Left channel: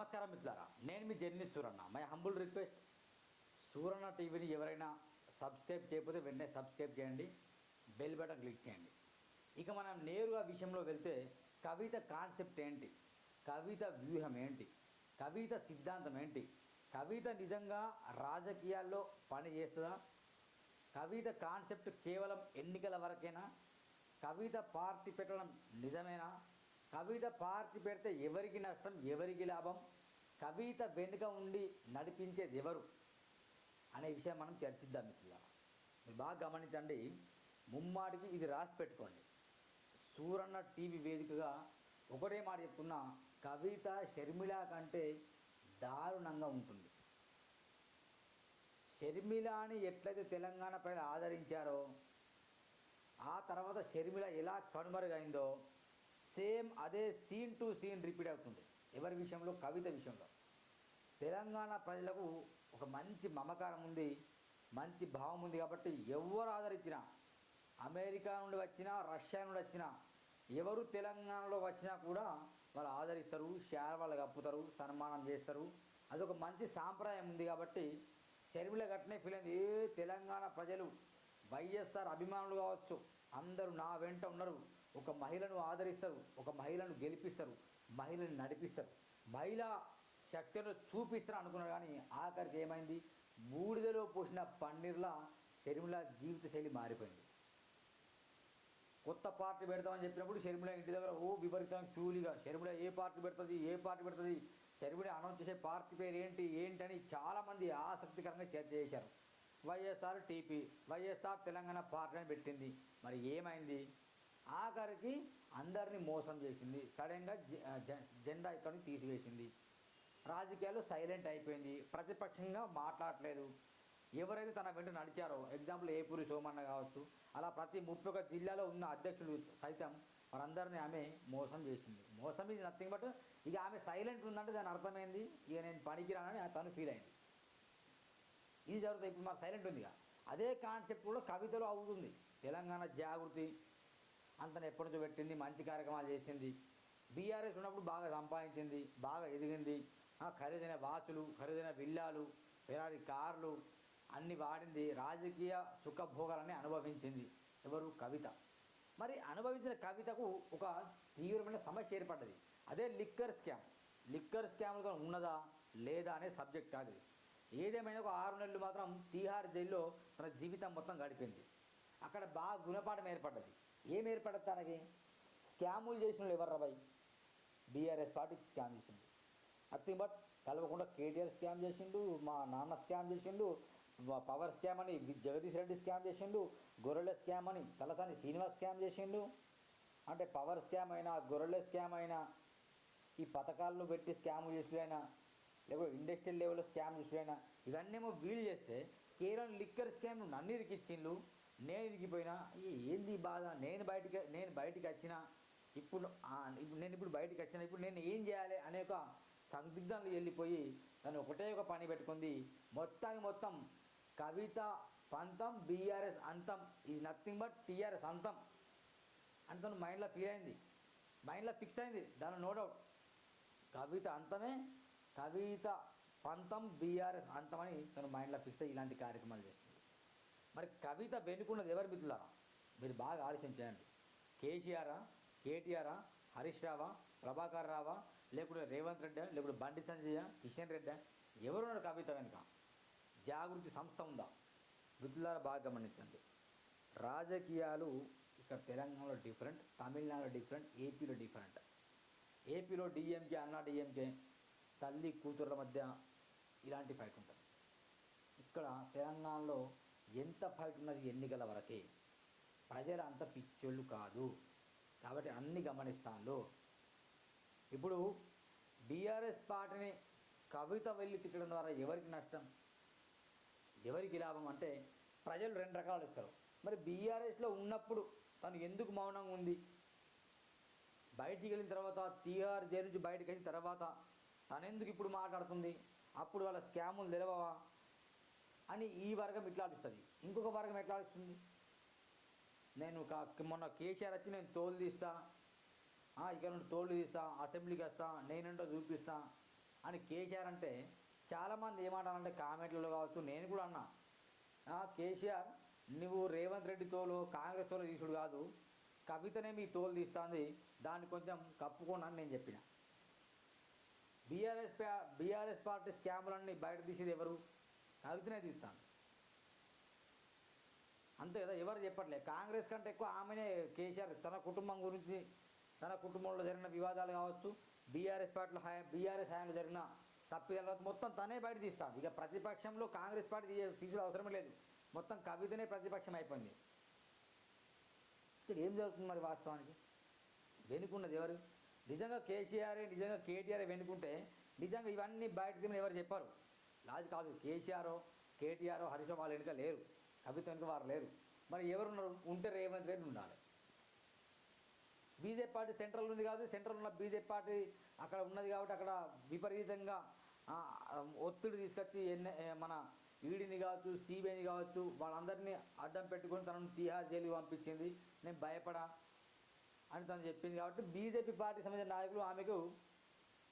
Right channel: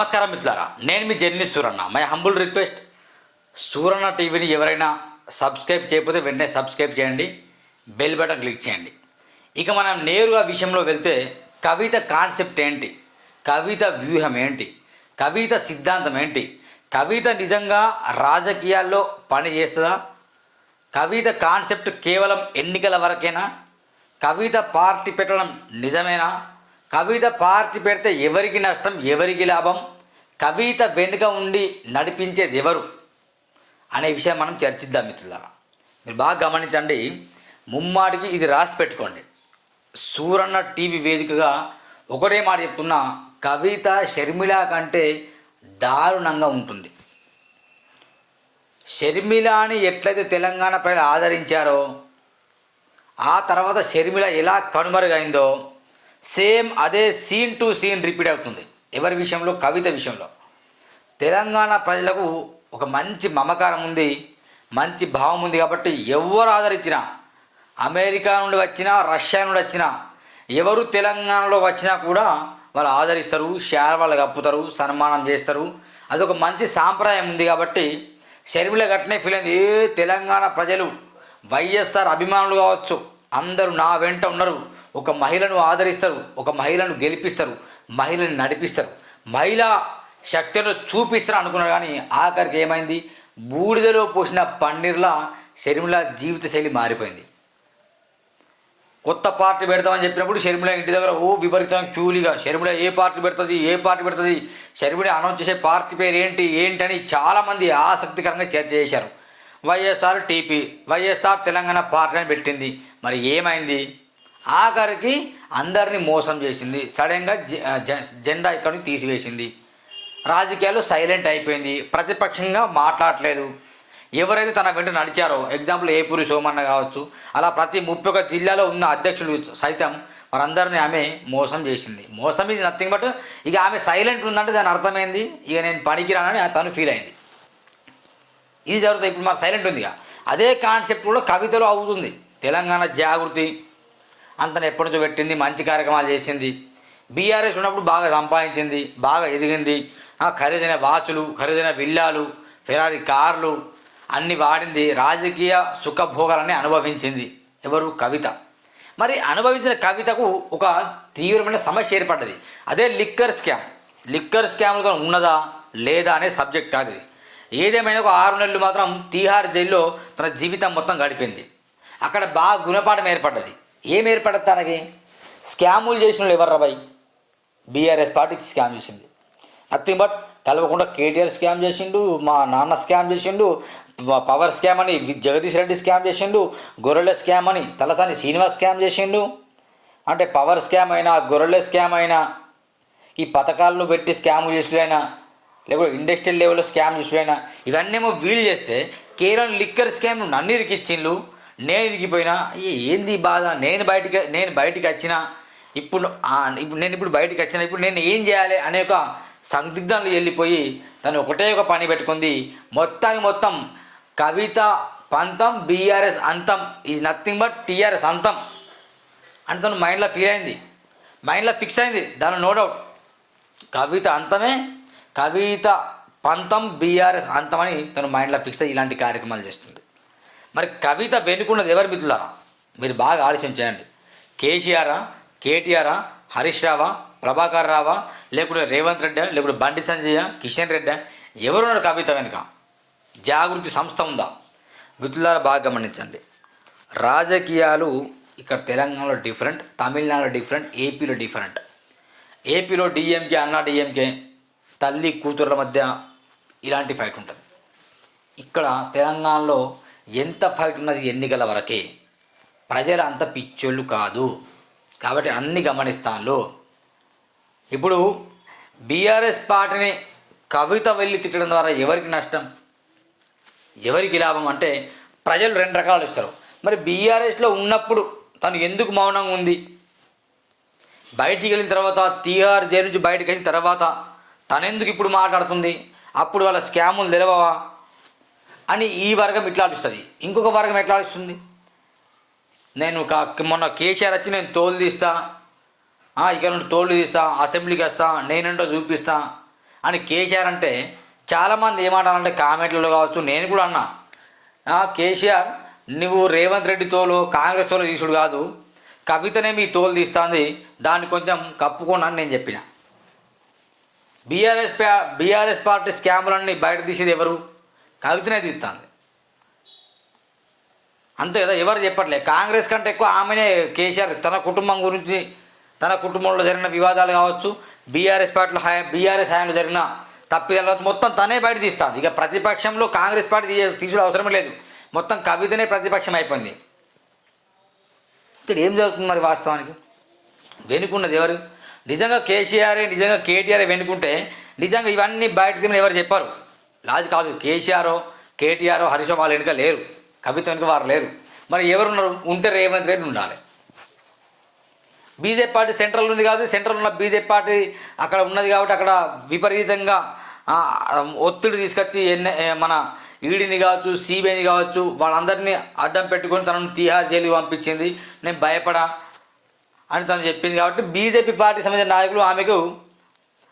నమస్కారం మిత్రులారా, నేను మీ journalist Suranna. My humble request, Suranna టీవీని ఎవరైనా సబ్స్క్రైబ్ చేయకపోతే వెంటనే సబ్స్క్రైబ్ చేయండి, బెల్ బటన్ క్లిక్ చేయండి. ఇక మనం నేరుగా విషయంలో వెళ్తే, కవిత కాన్సెప్ట్ ఏంటి, కవిత వ్యూహం ఏంటి, కవిత సిద్ధాంతం ఏంటి, కవిత నిజంగా రాజకీయాల్లో పని చేస్తుందా, కవిత కాన్సెప్ట్ కేవలం ఎన్నికల వరకేనా, కవిత పార్టీ పెట్టడం నిజమేనా, కవిత పార్టీ పెడితే ఎవరికి నష్టం, ఎవరికి లాభం, కవిత వెనుక ఉండి నడిపించేది ఎవరు అనే విషయం మనం చర్చిద్దాం మిత్రులారా. మీరు బాగా గమనించండి, ముమ్మాటికి ఇది రాసి పెట్టుకోండి. సూరన్న టీవీ వేదికగా ఒకటే మాట చెప్తున్నా, కవిత షర్మిల కంటే దారుణంగా ఉంటుంది. షర్మిలాని ఎట్లయితే తెలంగాణ ప్రజలు ఆదరించారో, ఆ తర్వాత షర్మిల ఎలా కనుమరుగైందో సేమ్ అదే సీన్ టు సీన్ రిపీట్ అవుతుంది. ఎవరి విషయంలో? కవిత విషయంలో. తెలంగాణ ప్రజలకు ఒక మంచి మమకారం ఉంది, మంచి భావం ఉంది. కాబట్టి ఎవరు ఆదరించినా, అమెరికా నుండి వచ్చినా, రష్యా నుండి వచ్చినా, ఎవరు తెలంగాణలో వచ్చినా కూడా వాళ్ళు ఆదరిస్తారు, వాళ్ళు కప్పుతారు, సన్మానం చేస్తారు. అదొక మంచి సాంప్రదాయం ఉంది. కాబట్టి షర్మిల గట్నే ఫీల్ అయింది. తెలంగాణ ప్రజలు వైఎస్ఆర్ అభిమానులు కావచ్చు, అందరూ నా వెంట ఉన్నారు, ఒక మహిళను ఆదరిస్తారు, ఒక మహిళను గెలిపిస్తారు, మహిళను నడిపిస్తారు, మహిళా శక్తిలో చూపిస్తారు అనుకున్నారు. కానీ ఆఖరికి ఏమైంది? బూడిదలో పోసిన పన్నీర్లా షర్మిల జీవిత శైలి మారిపోయింది. కొత్త పార్టీ పెడతామని చెప్పినప్పుడు షర్మిల ఇంటి దగ్గర విపరీతంగా క్యూలీగా షర్మిల ఏ పార్టీ పెడుతుంది, షర్మిల అనౌన్స్ చేసే పార్టీ పేరు ఏంటి అని చాలామంది ఆసక్తికరంగా చర్చ చేశారు. వైఎస్ఆర్ టీపీ, వైఎస్ఆర్ తెలంగాణ పార్టీ అని పెట్టింది. మరి ఏమైంది? ఆఖరికి అందరినీ మోసం చేసింది. సడన్గా జెండా ఇక్కడి నుంచి తీసివేసింది. రాజకీయాలు సైలెంట్ అయిపోయింది, ప్రతిపక్షంగా మాట్లాడలేదు. ఎవరైతే తన వెంట నడిచారో, ఎగ్జాంపుల్ ఏపూరి సోమన్న కావచ్చు, అలా ప్రతి 31 జిల్లాలో ఉన్న అధ్యక్షులు సైతం వారందరినీ ఆమె మోసం చేసింది. మోసం ఈజ్ నథింగ్ బట్, ఇక ఆమె సైలెంట్ ఉందంటే దాని అర్థమైంది, ఇక నేను పనికిరానని తను ఫీల్ అయింది. ఇది జరుగుతుంది. ఇప్పుడు మరి సైలెంట్ ఉంది. అదే కాన్సెప్ట్ కూడా కవితలో అవుతుంది. తెలంగాణ జాగృతి అంతను ఎప్పటి నుంచో పెట్టింది, మంచి కార్యక్రమాలు చేసింది. బీఆర్ఎస్ ఉన్నప్పుడు బాగా సంపాదించింది, బాగా ఎదిగింది. ఖరీదైన వాచులు, ఖరీదైన విల్లాలు, ఫెరారీ కార్లు అన్నీ వాడింది. రాజకీయ సుఖభోగాలన్నీ అనుభవించింది. ఎవరు? కవిత. మరి అనుభవించిన కవితకు ఒక తీవ్రమైన సమస్య ఏర్పడ్డది. అదే లిక్కర్ స్కామ్. లిక్కర్ స్కామ్లతో ఉన్నదా లేదా అనే సబ్జెక్ట్ కాదు ఇది. ఏదేమైనా ఒక 6 నెలలు మాత్రం తీహార్ జైల్లో తన జీవితం మొత్తం గడిపింది. అక్కడ బాగా గుణపాఠం ఏర్పడ్డది. ఏం ఏర్పడదు తనకి? స్కాములు చేసిన వాళ్ళు ఎవరు రాబాయి? బీఆర్ఎస్ పార్టీకి స్కామ్ చేసింది. నథింగ్ బట్ కలవకుండా కేటీఆర్ స్కామ్ చేసిండు, మా నాన్న స్కామ్ చేసిండు, పవర్ స్కామ్ అని జగదీష్ రెడ్డి స్కామ్ చేసిండు, గొర్రెల స్కామ్ అని తలసాని శ్రీనివాస్ స్కామ్ చేసిండు. అంటే పవర్ స్కామ్ అయినా, గొర్రెల స్కామ్ అయినా, ఈ పథకాలను పెట్టి స్కామ్ చేసుడైనా, లేకపోతే ఇండస్ట్రియల్ లెవెల్లో స్కామ్ చేసుడైనా, ఇవన్నేమో వీలు చేస్తే కేవలం లిక్కర్ స్కామ్ నన్ను ఇరికిచ్చిండ్లు, నేను ఇరిగిపోయినా. ఏంది బాధ? నేను బయటికి వచ్చిన ఇప్పుడు నేను బయటికి వచ్చిన ఇప్పుడు నేను ఏం చేయాలి అనే ఒక సందిగ్ధంలో వెళ్ళిపోయి తను ఒకటే ఒక పని పెట్టుకుంది. మొత్తం కవిత పంతం, బీఆర్ఎస్ అంతం ఈజ్ నథింగ్ బట్ టీఆర్ఎస్ అంతం అని తను మైండ్లో ఫీల్ అయింది, మైండ్లో ఫిక్స్ అయింది. దాని నో డౌట్ కవిత అంతమే, కవిత పంతం, బీఆర్ఎస్ అంతం అని తను మైండ్లో ఫిక్స్ అయ్యి ఇలాంటి కార్యక్రమాలు చేస్తుంది. మరి కవిత వెనుకున్నది ఎవరు మిత్రులారా? మీరు బాగా ఆలోచన చేయండి. కేసీఆరా, కేటీఆరా, హరీష్ రావా, ప్రభాకర్ రావా, లేకుంటే రేవంత్ రెడ్డి, లేకుంటే బండి సంజయ్, కిషన్ రెడ్డి, ఎవరున్నారు కవిత వెనుక? జాగృతి సంస్థ ఉందా? మిత్రులారా బాగా గమనించండి. రాజకీయాలు ఇక్కడ తెలంగాణలో డిఫరెంట్, తమిళనాడులో డిఫరెంట్, ఏపీలో డిఫరెంట్. ఏపీలో డిఎంకే, అన్నా డిఎంకే, తల్లి కూతుర్ల మధ్య ఇలాంటి ఫైట్ ఉంటుంది. ఇక్కడ తెలంగాణలో ఎంత ఫైట్ ఉన్నది ఎన్నికల వరకే. ప్రజలు అంత పిచ్చోళ్ళు కాదు, కాబట్టి అన్ని గమనిస్తాను. ఇప్పుడు బీఆర్ఎస్ పార్టీని కవిత వెళ్ళి తిట్టడం ద్వారా ఎవరికి నష్టం, ఎవరికి లాభం అంటే ప్రజలు 2 రకాలు ఇస్తారు. మరి బీఆర్ఎస్లో ఉన్నప్పుడు తను ఎందుకు మౌనంగా ఉంది? బయటికి వెళ్ళిన తర్వాత, తీహార్ జైలు నుంచి బయటికి వెళ్ళిన తర్వాత తనెందుకు ఇప్పుడు మాట్లాడుతుంది? అప్పుడు వాళ్ళ స్కాములు తెలవవా అని ఈ వర్గం ఇట్లా ఆలోచిస్తుంది. ఇంకొక వర్గం ఎట్లా ఆలోచిస్తుంది? నేను మొన్న కేసీఆర్ వచ్చి నేను తోలు తీస్తా, ఇక నుండి తోలు తీస్తా, అసెంబ్లీకి వస్తా, నేనేంటో చూపిస్తా, అని కేసీఆర్ అంటే చాలామంది ఏమంటారంటే కామెంట్లలో కావచ్చు, నేను కూడా అన్నా, కేసీఆర్ నువ్వు రేవంత్ రెడ్డి తోలు కాంగ్రెస్ తోలు తీసుడు కాదు, కవితనే మీ తోలు తీస్తుంది, దాన్ని కొంచెం కప్పుకోండి అని నేను చెప్పిన. బీఆర్ఎస్ పార్టీ స్కాములన్నీ బయట తీసేది ఎవరు? కవితనే తీస్తుంది, అంతే కదా. ఎవరు చెప్పట్లే. కాంగ్రెస్ కంటే ఎక్కువ ఆమెనే కేసీఆర్ తన కుటుంబం గురించి, తన కుటుంబంలో జరిగిన వివాదాలు కావచ్చు, బీఆర్ఎస్ హయాంలో జరిగిన తప్పిదాల మొత్తం తనే బయట తీస్తుంది. ఇక ప్రతిపక్షంలో కాంగ్రెస్ పార్టీ తీసుడు అవసరమే లేదు, మొత్తం కవితనే ప్రతిపక్షం అయిపోయింది. ఇక్కడ ఏం జరుగుతుంది మరి వాస్తవానికి? వెనుకున్నది ఎవరు? నిజంగా కేసీఆరే, నిజంగా కేటీఆర్ వెనుకుంటే నిజంగా ఇవన్నీ బయట తిని ఎవరు చెప్పారు? లాజిక్ కాదు. కేసీఆర్, కేటీఆర్, హరీష్ వాళ్ళ వెనుక లేరు, కవిత వెనుక వారు లేరు. మరి ఎవరున్నారు? ఉంటే రేవంత్ రెడ్డి ఉండాలి. బీజేపీ పార్టీ సెంట్రల్ ఉంది కాదు, సెంట్రల్ ఉన్న బీజేపీ పార్టీ అక్కడ ఉన్నది కాబట్టి అక్కడ విపరీతంగా ఒత్తిడి తీసుకొచ్చి మన ఈడీని కావచ్చు, సిబిఐని కావచ్చు, వాళ్ళందరినీ అడ్డం పెట్టుకొని తనను తీహార్ జైలుకి పంపించింది. నేను భయపడా అని తను చెప్పింది కాబట్టి బీజేపీ పార్టీ సంబంధించిన నాయకులు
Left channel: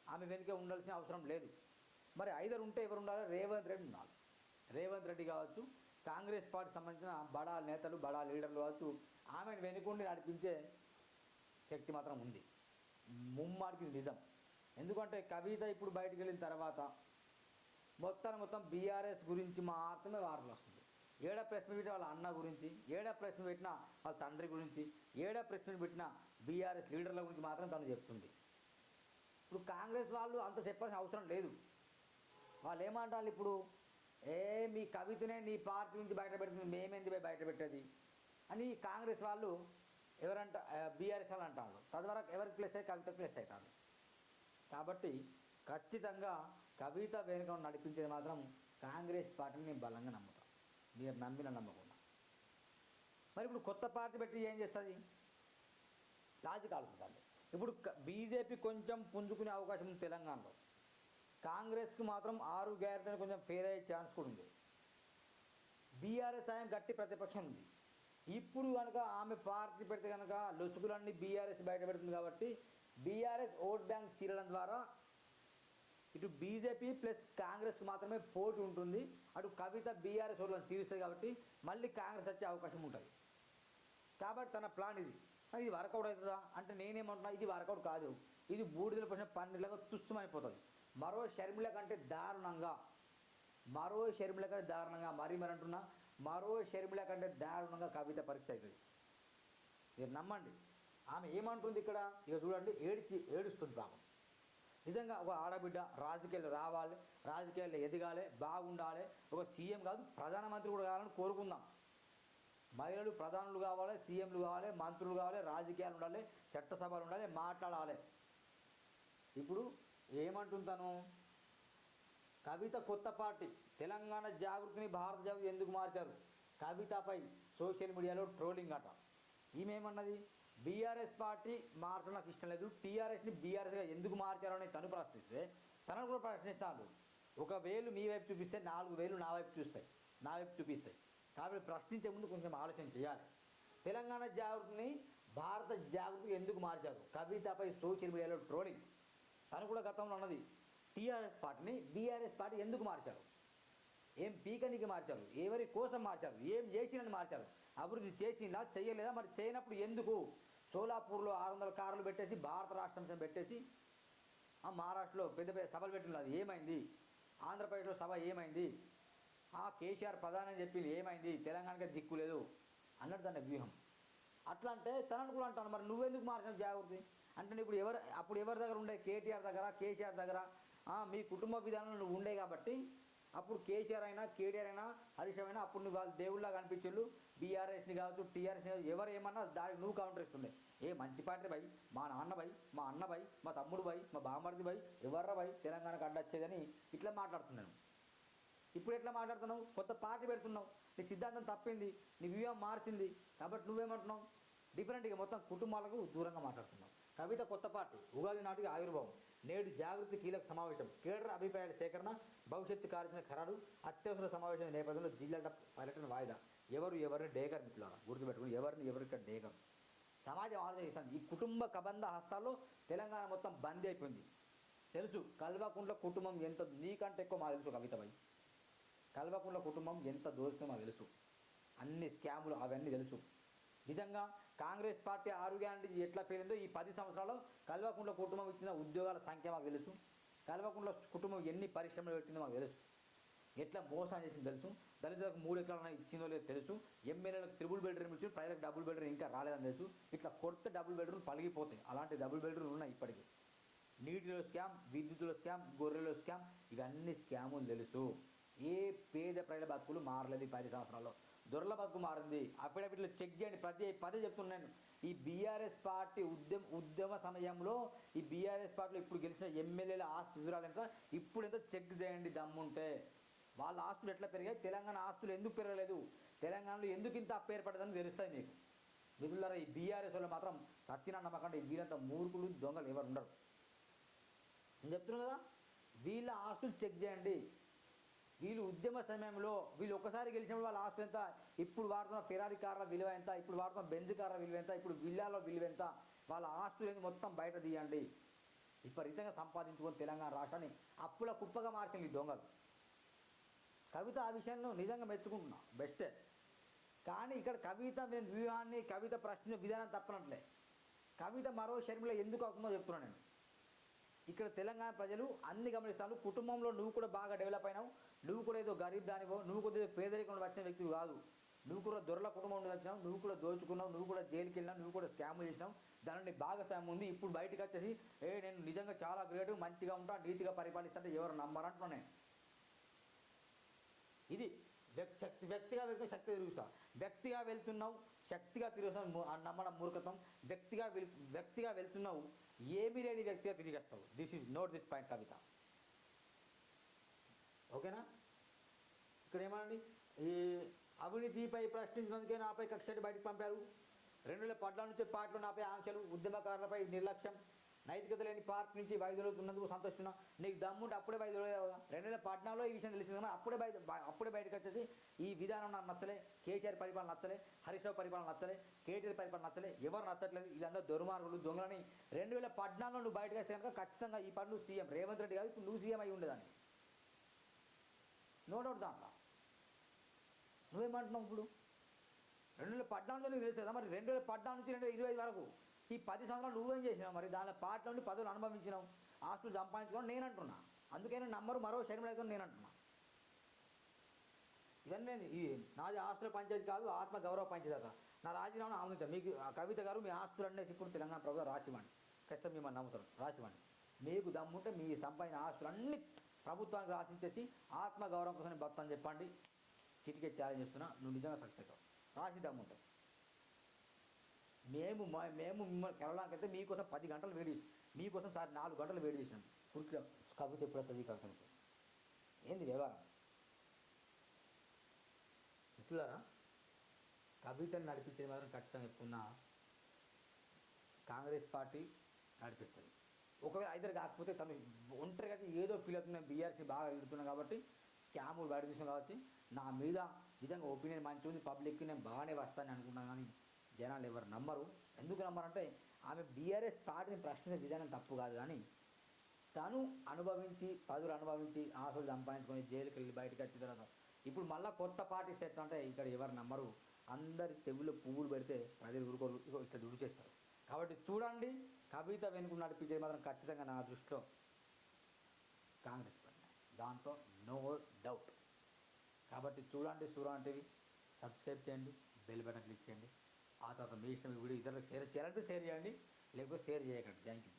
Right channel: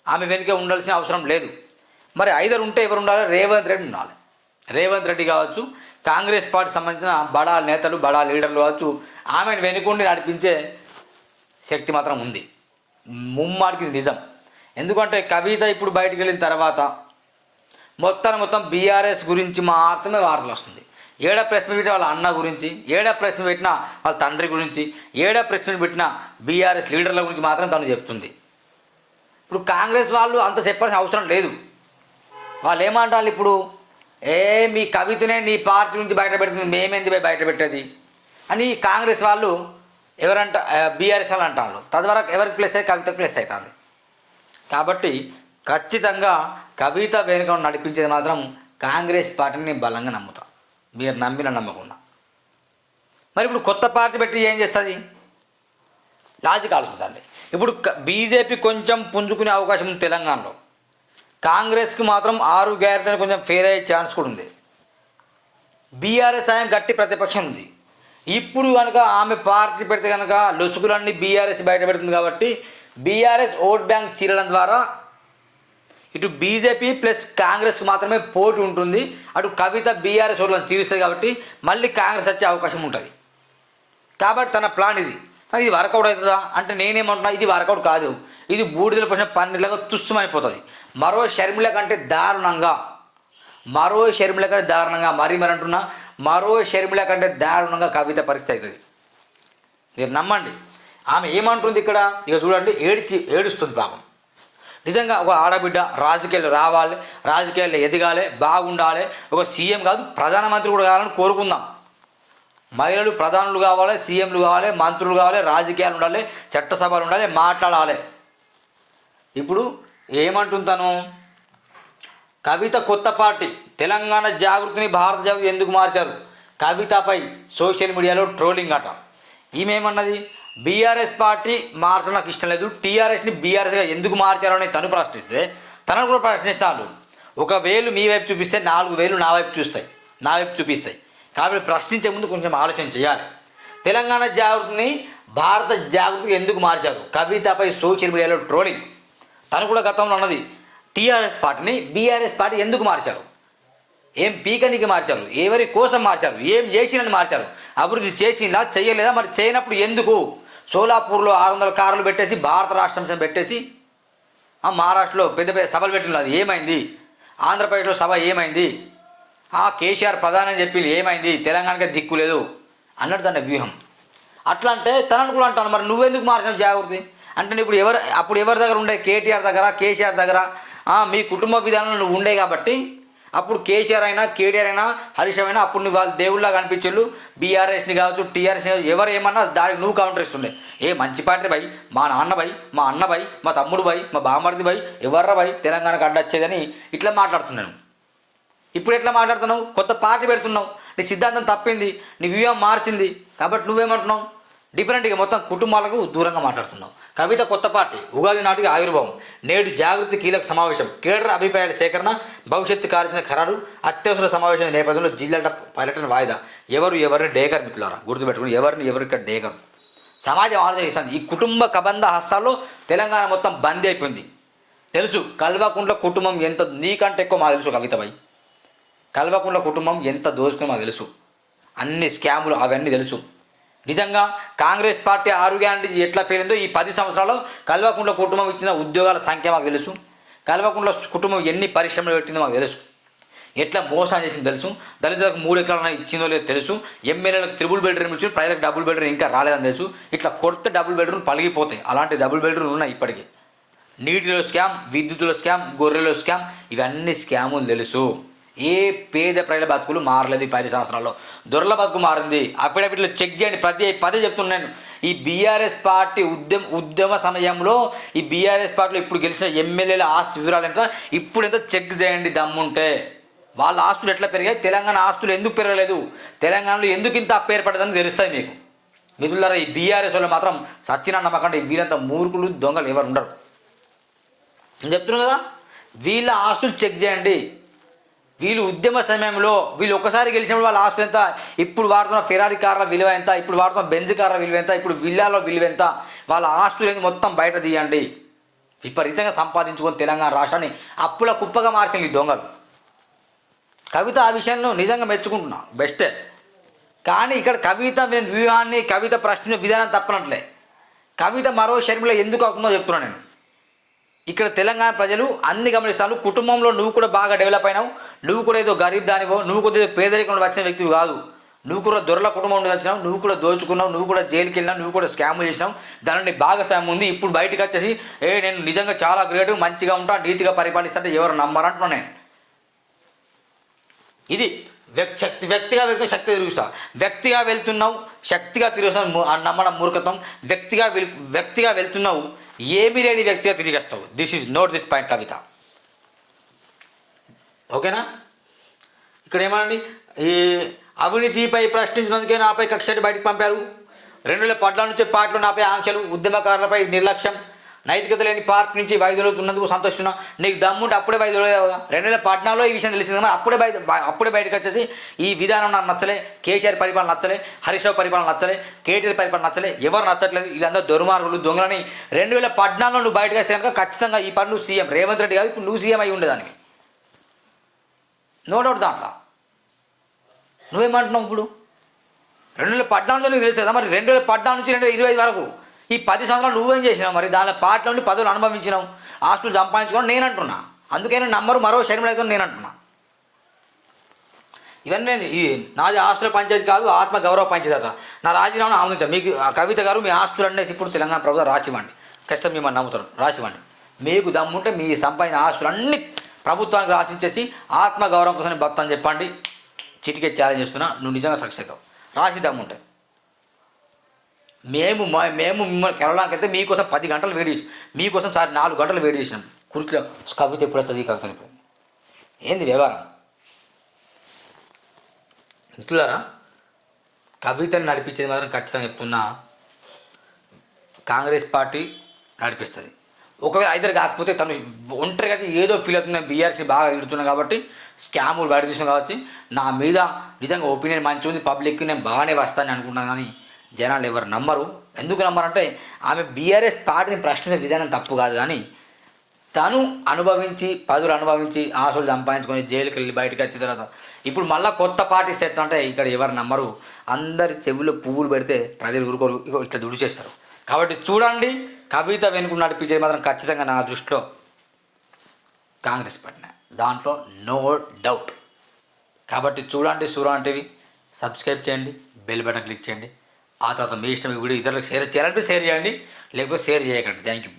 ఆమె వెనుక ఉండాల్సిన అవసరం లేదు. మరి ఐదరు ఉంటే ఎవరు ఉండాలి? రేవంత్ రెడ్డి ఉండాలి. రేవంత్ రెడ్డి కావచ్చు, కాంగ్రెస్ పార్టీ సంబంధించిన బడా నేతలు, బడా లీడర్లు కావచ్చు, ఆమెను వెనుకుండి నడిపించే శక్తి మాత్రం ఉంది. ముమ్మాడికి నిజం. ఎందుకంటే కవిత ఇప్పుడు బయటికి వెళ్ళిన తర్వాత మొత్తం బీఆర్ఎస్ గురించి మాత్రమే వార్తలు వస్తుంది. ఏడా ప్రెస్ మీట్ పెట్టిన వాళ్ళ అన్న గురించి, ఏడా ప్రెస్ మీట్ పెట్టిన వాళ్ళ తండ్రి గురించి, ఏడా ప్రెస్ మీట్ పెట్టిన బీఆర్ఎస్ లీడర్ల గురించి మాత్రం తను చెప్తుంది. ఇప్పుడు కాంగ్రెస్ వాళ్ళు అంత చెప్పాల్సిన అవసరం లేదు. వాళ్ళు ఏమంటారు ఇప్పుడు? మీ కవితనే నీ పార్టీ నుంచి బయట పెడుతుంది, మేమేంది బయట పెట్టేది అని కాంగ్రెస్ వాళ్ళు బీఆర్ఎస్ వాళ్ళు అంటారు. తద్వారా ఎవరికి ప్లస్ అయ్యి? కవిత ప్లస్ అవుతుంది. కాబట్టి ఖచ్చితంగా కవిత వెనుక నడిపించేది మాత్రం కాంగ్రెస్ పార్టీని నేను బలంగా నమ్ముతా, మీరు నమ్మిన నమ్మకుండా. మరి ఇప్పుడు కొత్త పార్టీ పెట్టి ఏం చేస్తుంది? లాజిక్ ఆలోచించండి. ఇప్పుడు బీజేపీ కొంచెం పుంజుకునే అవకాశం ఉంది తెలంగాణలో, కాంగ్రెస్కి మాత్రం 6 గ్యారెంటీలు కొంచెం ఫెయిల్ అయ్యే ఛాన్స్ కూడా ఉంది. బీఆర్ఎస్ ఆయన గట్టి ప్రతిపక్షం ఉంది. ఇప్పుడు కనుక ఆమె పార్టీ పెడితే కనుక లొసుగులన్నీ బీఆర్ఎస్ బయట పెడుతుంది కాబట్టి బీఆర్ఎస్ ఓట్ బ్యాంక్ చీరడం ద్వారా ఇటు బీజేపీ ప్లస్ కాంగ్రెస్కి మాత్రమే పోటీ ఉంటుంది. అటు కవిత బీఆర్ఎస్ ఓట్లను చీరుస్తుంది కాబట్టి మళ్ళీ కాంగ్రెస్ వచ్చే అవకాశం ఉంటుంది. కాబట్టి తన ప్లాన్ ఇది. మరి ఇది వర్కౌట్ అవుతుందా అంటే నేనేమంటున్నా, ఇది వర్కౌట్ కాదు. ఇది బూడిదల పోసిన పన్నీర్లాగా తుస్సుమైపోతుంది. మరో షర్మిల కంటే దారుణంగా అంటున్నా, మరో షర్మిల కంటే దారుణంగా కవిత పరిస్థితి అవుతుంది. మీరు నమ్మండి. ఆమె ఏమంటుంది ఇక్కడ? ఇక చూడండి, ఏడుస్తుంది పాపం. నిజంగా ఒక ఆడబిడ్డ రాజకీయాలు రావాలి, రాజకీయాల్లో ఎదగాలి, బాగుండాలి, ఒక సీఎం కాదు ప్రధానమంత్రి కూడా కావాలని కోరుకుందాం. మహిళలు ప్రధానులు కావాలి, సీఎంలు కావాలి, మంత్రులు కావాలి, రాజకీయాలు ఉండాలి, చట్టసభలు ఉండాలి, మాట్లాడాలి. ఇప్పుడు ఏమంటుంటాను? కవిత కొత్త పార్టీ, తెలంగాణ జాగృతిని భారత జాగృతి ఎందుకు మార్చారు? కవితపై సోషల్ మీడియాలో ట్రోలింగ్ అట. ఈమెమన్నది? బీఆర్ఎస్ పార్టీ మార్చడం నాకు ఇష్టం లేదు, టీఆర్ఎస్ని బీఆర్ఎస్గా ఎందుకు మార్చారో అని తను ప్రశ్నిస్తే తనను కూడా ప్రశ్నిస్తాను. ఒక వేలు మీ వైపు చూపిస్తే 4 వేలు నా వైపు చూపిస్తాయి. కాబట్టి ప్రశ్నించే ముందు కొంచెం ఆలోచన చేయాలి. తెలంగాణ జాగృతిని భారత జాగృతికి ఎందుకు మార్చారు? కవితపై సోషల్ మీడియాలో ట్రోలింగ్. తను కూడా గతంలో అన్నది, టీఆర్ఎస్ పార్టీని బీఆర్ఎస్ పార్టీ ఎందుకు మార్చారు? ఏం పీకనికి మార్చారు? ఎవరి కోసం మార్చారు? ఏం చేసినని మార్చారు? అభివృద్ధి చేసిందా చేయలేదా? మరి చేయనప్పుడు ఎందుకు? సోలాపూర్లో 600 కార్లు పెట్టేసి భారత రాష్ట్రం పెట్టేసి మహారాష్ట్రలో పెద్ద పెద్ద సభలు పెట్టినది ఏమైంది? ఆంధ్రప్రదేశ్లో సభ ఏమైంది? కేసీఆర్ ప్రధాని అని చెప్పి ఏమైంది? తెలంగాణకే దిక్కు లేదు అన్నట్టు దాని వ్యూహం. అట్లా అంటే తనను కూడా అంటాను, మరి నువ్వెందుకు మార్చిన జాగృతి అంటే ఇప్పుడు అప్పుడు ఎవరి దగ్గర ఉండే? కేటీఆర్ దగ్గర, కేసీఆర్ దగ్గర. మీ కుటుంబ విధానంలో నువ్వు ఉండే కాబట్టి అప్పుడు కేసీఆర్ అయినా, కేటీఆర్ అయినా, హరీష్ అయినా అప్పుడు నువ్వు వాళ్ళు దేవుళ్ళగా కనిపించు. బీఆర్ఎస్ని కావచ్చు, టీఆర్ఎస్ని కావచ్చు, ఎవరు ఏమన్నా దానికి నువ్వు కౌంటర్ ఇస్తుండే. మంచి పార్టీ భయ్, మా నాన్న భయ్, మా అన్న భయ్, మా తమ్ముడు భయ్, మా బామ్మర్ది భయ్, ఎవర్రా భయ్ తెలంగాణకు అడ్డొచ్చేదని ఇట్లా మాట్లాడుతున్నాను. ఇప్పుడు ఎట్లా మాట్లాడుతున్నావు? కొత్త పార్టీ పెడుతున్నావు, నీ సిద్ధాంతం తప్పింది, నీ వ్యూహం మార్చింది కాబట్టి నువ్వేమంటున్నావు? డిఫరెంట్గా మొత్తం కుటుంబాలకు దూరంగా మాట్లాడుతున్నావు. కవిత కొత్త పార్టీ, ఉగాది నాటికి ఆవిర్భావం, నేడు జాగృతి కీలక సమావేశం, కేడర్ అభిప్రాయాల సేకరణ, భవిష్యత్తు కార్యాచరణ ఖరారు, అత్యవసర సమావేశం నేపథ్యంలో జిల్లాల పర్యటన వాయిదా. ఎవరిని డేకర్ మిత్రులారా గుర్తుపెట్టుకుని, ఎవరికి డేకర్. సమాజం ఆలోచన చేస్తుంది. ఈ కుటుంబ కబంధ హస్తాల్లో తెలంగాణ మొత్తం బందీ అయిపోయింది. తెలుసు కల్వకుంట్ల కుటుంబం ఎంత నీకంటే ఎక్కువ మాకు తెలుసు కవితపై. కల్వకుంట్ల కుటుంబం ఎంత దోచుకుని మాకు తెలుసు. అన్ని స్కాములు అవన్నీ తెలుసు. నిజంగా కాంగ్రెస్ పార్టీ 6 గ్యారెంటీస్ ఎట్లా ఫెయిల్ అయిందో ఈ 10 సంవత్సరాల్లో కల్వకుంట్ల కుటుంబం ఇచ్చిన ఉద్యోగాల సంఖ్య మాకు తెలుసు. కల్వకుంట్ల కుటుంబం ఎన్ని పరిశ్రమలు పెట్టిందో మాకు తెలుసు. ఎట్లా మోసం చేసిందో తెలుసు. దళితులకు 3 ఎకరాలను ఇచ్చిందో లేదో తెలుసు. ఎమ్మెల్యేలకు త్రిబుల్ బెడ్రూమ్ ఇచ్చి ప్రజలకు డబుల్ బెడ్రూమ్ ఇంకా రాలేదని తెలుసు. ఇట్లా కొత్త డబుల్ బెడ్రూమ్ పలిగిపోతాయి. అలాంటి డబుల్ బెడ్రూమ్ ఉన్నాయి ఇప్పటికీ. నీటిలో స్కామ్, విద్యుత్తులో స్కామ్, గొర్రెలో స్కామ్, ఇవన్నీ స్కాములు తెలుసు. ఏ పేద ప్రజల బతుకులు మారలేదు ఈ 10 సంవత్సరాల్లో. దొరల బతుకు మారింది. అఫిడవిట్లో చెక్ చేయండి. పదే చెప్తున్నాను. ఈ బీఆర్ఎస్ పార్టీ ఉద్యమ సమయంలో ఈ బీఆర్ఎస్ పార్టీలో ఇప్పుడు గెలిచిన ఎమ్మెల్యేల ఆస్తి వివరాలు ఎంత ఇప్పుడు ఎంత చెక్ చేయండి దమ్ముంటే. వాళ్ళ ఆస్తులు ఎట్లా పెరిగాయి, తెలంగాణ ఆస్తులు ఎందుకు పెరగలేదు, తెలంగాణలో ఎందుకు ఇంత అప్పు ఏర్పడదని తెలుస్తాయి మీకు. మిత్రులారా, ఈ బీఆర్ఎస్ వాళ్ళు మాత్రం సచ్చిన నమ్మకండి. వీళ్ళంత మూర్ఖులు దొంగలు ఎవరు ఉండరు. నేను చెప్తున్నాను కదా, వీళ్ళ ఆస్తులు చెక్ చేయండి. వీళ్ళు ఉద్యమ సమయంలో వీళ్ళు ఒకసారి గెలిచినప్పుడు వాళ్ళ ఆస్తులు ఎంత, ఇప్పుడు వాడుతున్న ఫెరారీ కార్ల విలువ ఎంత, ఇప్పుడు వాడుతున్న బెంజ్ కార్ల విలువ ఎంత, ఇప్పుడు విల్లాలో విలువ ఎంత, వాళ్ళ ఆస్తులు మొత్తం బయట తీయండి. విపరీతంగా సంపాదించుకొని తెలంగాణ రాష్ట్రాన్ని అప్పుల కుప్పగా మార్చింది ఈ దొంగలు. కవిత ఆ విషయంలో నిజంగా మెచ్చుకుంటున్నా, బెస్టే. కానీ ఇక్కడ కవిత వ్యూహాన్ని, కవిత ప్రశ్న విధానం తప్పనట్లే. కవిత మరో షర్మిల ఎందుకు అవుతుందో చెప్తున్నాను నేను. ఇక్కడ తెలంగాణ ప్రజలు అన్ని గమనిస్తాను. కుటుంబంలో నువ్వు కూడా బాగా డెవలప్ అయినావు, నువ్వు కూడా ఏదో గరీబ్ దానివో, నువ్వు కూడా ఏదో పేదరికంలో వచ్చిన వ్యక్తివి కాదు. నువ్వు కూడా దొరల కుటుంబం నుండి వచ్చినావు, నువ్వు కూడా దోచుకున్నావు, నువ్వు కూడా జైలుకి వెళ్ళినావు, నువ్వు కూడా స్కామ్ చేసినావు. దానిని భాగస్వామ్యం ఉంది. ఇప్పుడు బయటకు వచ్చేసి నేను నిజంగా చాలా గ్రేట్, మంచిగా ఉంటా, నీతిగా పరిపాలిస్తుంటే ఎవరు నమ్మరంటున్నా నేను. ఇది వ్యక్తిగా వెళ్తున్న శక్తిగా తిరుగుతా. వ్యక్తిగా వెళ్తున్నావు, శక్తిగా తిరుగుతావు, నమ్మడం మూర్ఖత్వం. వ్యక్తిగా వెళ్తున్నావు, ఏమీ లేని వ్యక్తిగా తిరిగేస్తావు. నోట్ దిస్ పాయింట్ కవిత. ఓకేనా? ఇక్కడ ఏమనండి, ఈ అవినీతిపై ప్రశ్నించినందుకే నాపై కక్షటి బయటకు పంపారు. 2014 నుంచి పార్టీలో నాపై ఆంక్షలు, ఉద్యమకారులపై నిర్లక్ష్యం, నైతికత లేని పార్టీ నుంచి వైదొలుతున్నందుకు సంతోషిస్తున్నా. నీకు దమ్ముంటే అప్పుడే వైదొలగా. 2014లో ఈ విషయం తెలిసింది కానీ అప్పుడే బయటకు వచ్చేసి ఈ విధానం నాకు నచ్చలే, కేసీఆర్ పరిపాలన నచ్చలే, హరీష్ రావు పరిపాలన నచ్చలే, కేటీఆర్ పరిపాలన నచ్చలే, ఎవరు నచ్చట్లేదు, వీళ్ళందరూ దుర్మార్గులు దొంగలని. 2014లో నువ్వు బయటకు వస్తే కనుక ఖచ్చితంగా ఈ పని నువ్వు సీఎం రేవంత్ రెడ్డి కాదు, ఇప్పుడు నువ్వు సీఎం అయి ఉండేదానికి, నో డౌట్. దాంట్లో నువ్వేమంటున్నావు ఇప్పుడు? 2014లో నీకు తెలుసు కదా, మరి 2014 నుంచి 2025 వరకు ఈ 10 సంవత్సరాలు నువ్వేం చేసినావు? మరి దాని పార్టీలో నుండి పదవులు అనుభవించినావు, ఆస్తులు సంపాదించుకోవడం నేను అంటున్నా. అందుకే నంబరు మరో షర్మిల అయితే నేను అంటున్నా. ఇవన్నీ నాది ఆస్తుల పంచాయతీ కాదు, ఆత్మ గౌరవ పంచాయతీ అట. నా రాజీనామా ఆమోదించాను. మీకు కవిత గారు మీ ఆస్తులు అనేసి ఇప్పుడు తెలంగాణ ప్రభుత్వం రాసివ్వండి. ఖచ్చితంగా మిమ్మల్ని నమ్ముతారు, రాసివ్వండి. మీకు దమ్ముంటే మీ సంపాదించిన ఆస్తులు అన్ని ప్రభుత్వానికి రాసిచ్చేసి ఆత్మ గౌరవం కోసం భక్తని చెప్పండి. చిటికే ఛాలెంజ్ చేస్తున్నా, నువ్వు నిజంగా సక్సెస్ అవుతావు. రాసి దమ్ముంటే మేము మిమ్మల్ని కెరళకి వెళ్తే మీకోసం 10 గంటలు వెయిట్ చేసి, మీకోసం సార్ 4 గంటలు వెయిట్ చేసినాం. కుర్చీలో కవిత ఎప్పుడు వస్తుంది, కవిత ఎప్పుడు, ఏంది వ్యవహారం? మిత్రులారా, కవితను నడిపించేది మాత్రం ఖచ్చితంగా చెప్తున్నా, కాంగ్రెస్ పార్టీ నడిపిస్తుంది. ఒకవేళ ఇద్దరు కాకపోతే తను ఒంటరిగా ఏదో ఫీల్ అవుతుంది, బీఆర్ఎస్ని బాగా ఎదుగుతున్నాను కాబట్టి, స్కాములు బయట తీసినా కాబట్టి, నా మీద నిజంగా ఒపీనియన్ మంచిగా ఉంది, పబ్లిక్కి నేను బాగానే వస్తానని అనుకుంటున్నాను. కానీ జనాలు ఎవరు నమ్మరు. ఎందుకు నమ్మరంటే ఆమె బీఆర్ఎస్ పార్టీని ప్రశ్నించే విధానం తప్పు కాదు, కానీ తను అనుభవించి పదులు అనుభవించి ఆశలు సంపాదించుకొని జైలుకి వెళ్ళి బయటకు వచ్చిన తర్వాత ఇప్పుడు మళ్ళీ కొత్త పార్టీ సెట్ అంటే ఇక్కడ ఎవరు నమ్మరు. అందరి చెవుల్లో పువ్వులు పెడితే ప్రజలు ఊరుకోరు, ఇట్లా దుడిచేస్తారు. కాబట్టి చూడండి, కవిత వెనుక నడిపించేది మాత్రం ఖచ్చితంగా నా దృష్టిలో కాంగ్రెస్ పార్టీ, దాంట్లో నో డౌట్. కాబట్టి చూడండి, సూర్య టీవీ సబ్స్క్రైబ్ చేయండి, బెల్ బటన్ క్లిక్ చేయండి. ఆ తర్వాత మీ ఇష్టం ఈ వీడియో ఇతరులకు షేర్ చేయాలంటే షేర్ చేయండి, లేకపోతే షేర్ చేయకండి. Thank you.